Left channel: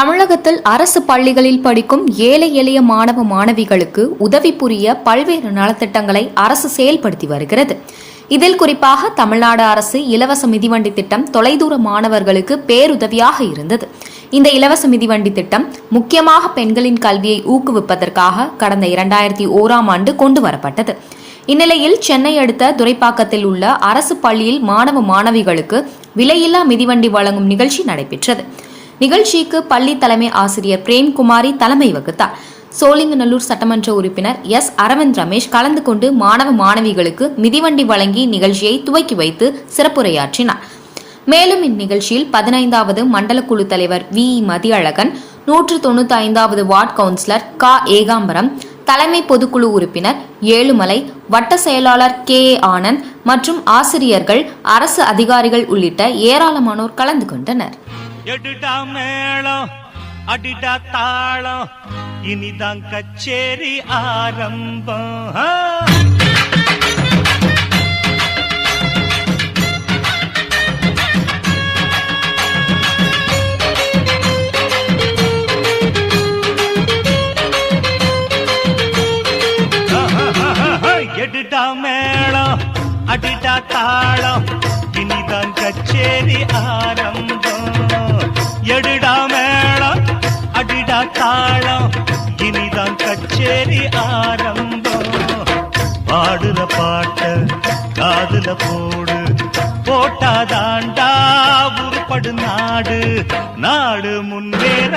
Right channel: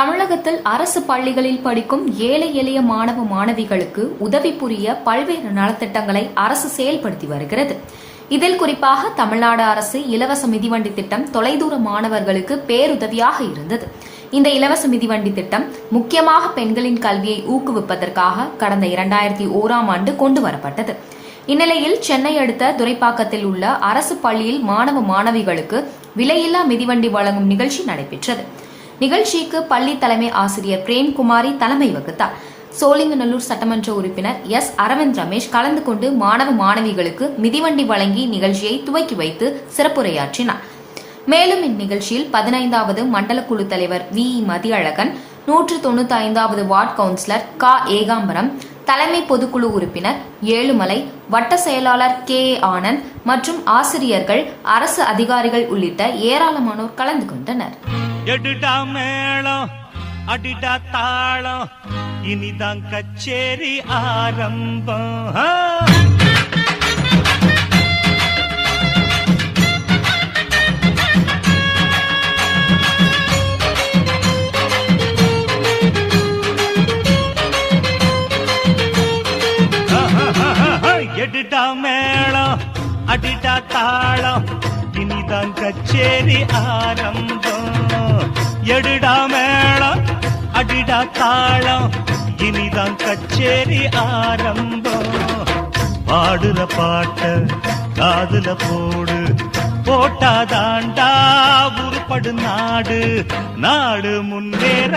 தமிழகத்தில் அரசு பள்ளிகளில் படிக்கும் ஏழை எளிய மாணவ மாணவிகளுக்கு உதவி புரிய பல்வேறு நலத்திட்டங்களை அரசு செயல்படுத்தி வருகிறது. இதில் குறிப்பாக தமிழ்நாடு அரசு இலவச மிதிவண்டி திட்டம் தொலைதூர மாணவர்களுக்கு பேருதவியாக இருந்தது. இந்த இலவச மிதிவண்டி திட்டம் முக்கியமாக பெண்களின் கல்வியை ஊக்குவிப்பதற்காக கடந்த 2001ஆம் ஆண்டு கொண்டு வரப்பட்டது. இந்நிலையில் சென்னை அடுத்த துரைப்பாக்கத்தில் உள்ள அரசு பள்ளியில் மாணவ மாணவிகளுக்கு விலையில்லா மிதிவண்டி வழங்கும் நிகழ்ச்சி நடைபெற்றது. நிகழ்ச்சிக்கு பள்ளி தலைமை ஆசிரியர் பிரேம்குமாரி தலைமை வகித்தார். சோழிங்கநல்லூர் சட்டமன்ற உறுப்பினர் எஸ் அரவிந்த் ரமேஷ் கலந்து கொண்டு மாணவ மாணவிகளுக்கு மிதிவண்டி வழங்கி நிகழ்ச்சியை துவக்கி வைத்து சிறப்புரையாற்றினார். மேலும் இந்நிகழ்ச்சியில் 15வது மண்டல குழு தலைவர் வி மதியழகன், 195வது வார்டு கவுன்சிலர் க ஏகாம்பரம், தலைமை பொதுக்குழு உறுப்பினர் ஏழுமலை, வட்ட செயலாளர் கே ஆனந்த் மற்றும் ஆசிரியர்கள், அரசு அதிகாரிகள் உள்ளிட்ட ஏராளமானோர் கலந்து கொண்டனர். இனிதான் கச்சேரி ஆரம்பம். எடுடா மேளம் அடிடா தாளம் இனிதான் கச்சேரி ஆரம்பம். எடுடா மேளம் அடிடா தாளம் இனிதான் கச்சேரி ஆரம்பம். பாடுத பாட்ட காதுல போடு போட்டாதாண்டா உருப்படு நாடு நாடு முன்னேற